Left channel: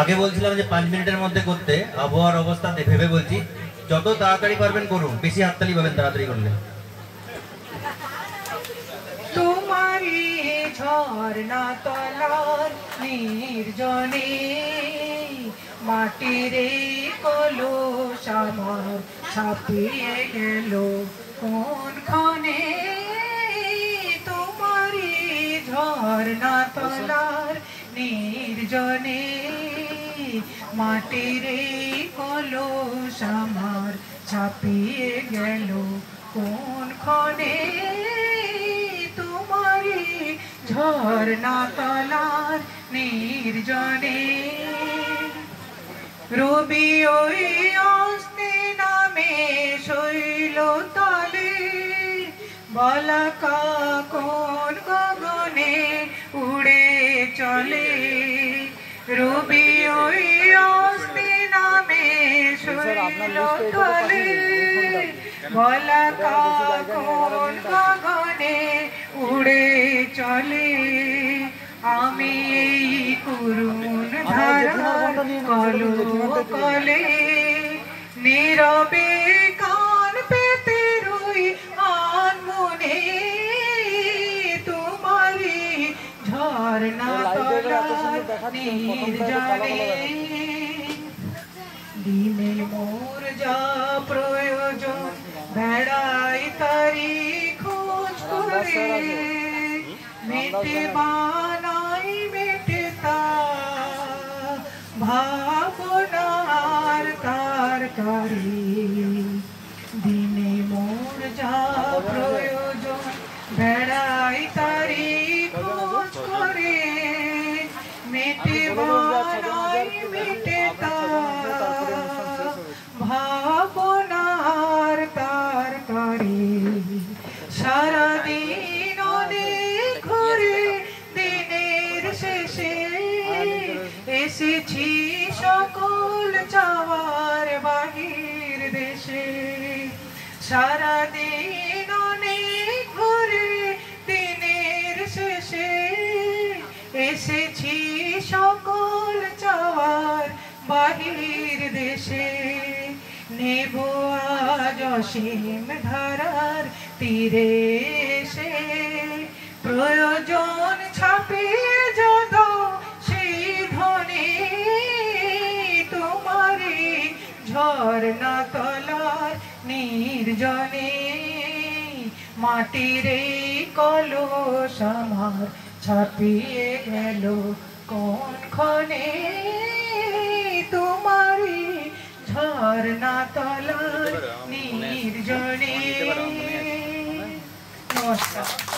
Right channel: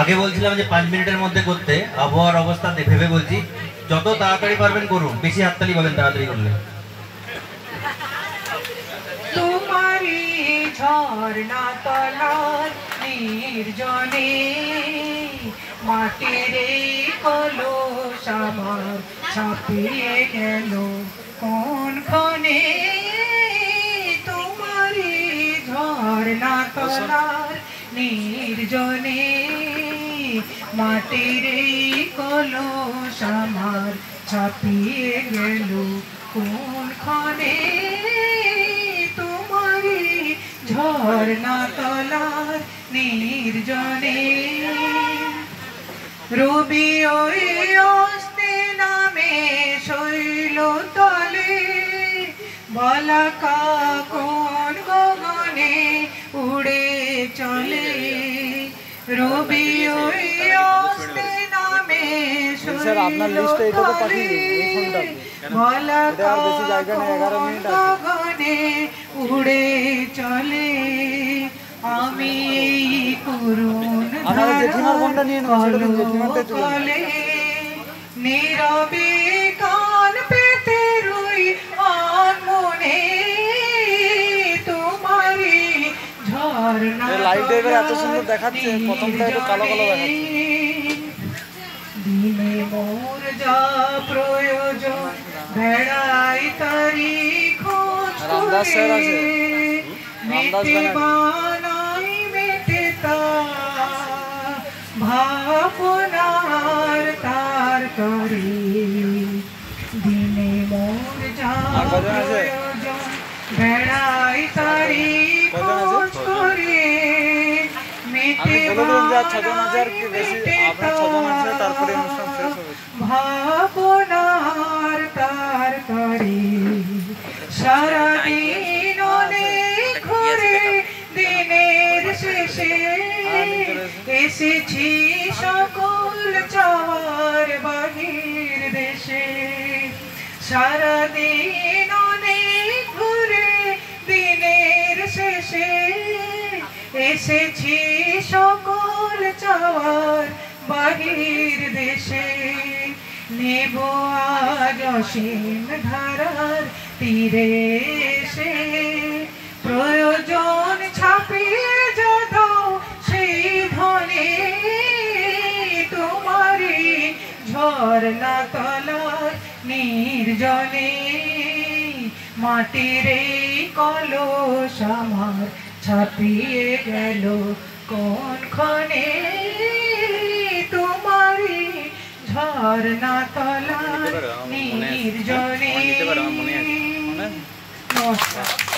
আগে বলছিলাম যে 5 মিনিটের মধ্যে করতে, আবহাওয়ার অবস্থা ভেবে বলছি যত তাড়াতাড়ি পারবেন করুন, বেশি হাততালি পাবেন তাড়াতাড়ি করলে। তোমারি ঝর্ণা তলার নির্জনে মাটির কলস আমার ছাপিয়ে গেল কোন ক্ষণে। তোমারি ঝর্ণা তলার নির্জনে মাটির কলস আমার ছাপিয়ে গেল কোন ক্ষণে। তোমারি ঝর্ণা তলার নির্জনে রবি ওই অস্তে নামে শৈল তলে বলাকা কোন গগনে উড়ে চলে। রবি ওই অস্তে নামে শৈল তলে বলাকা কোন গগনে উড়ে চলে। আমি করুণ কলে নীরবে কান পেতে রই আনমনে। তোমারি ঝর্ণা দিনে মোর যা প্রয়োজন বেড়াই তারি খোঁজ করে মেটে বানাই মেটে তা ভাবনার তার করে। দিনে মোর যা প্রয়োজন বেড়াই তারি খোঁজ করে মেটে বানাই মেটে তা ভাবনার তার করে। সারাদিন অনেক ঘুরে দিনের শেষে এসেছি সকল চাওয়ার বাহির দেশে। সারাদিন অনেক ঘুরে দিনের শেষে এসেছি সকল চাওয়ার বাহির দেশে। নেব আজ অসীম ধারার তীরে এসে প্রয়োজন ছাপে যত সেই ধনে। তোমারি ঝর্ণা তলার নির্জনে মাটির কলস আমার ছাপিয়ে গেল কোন ক্ষণে। তোমারি ঝর্ণা তলার নির্জনে। নমস্কার।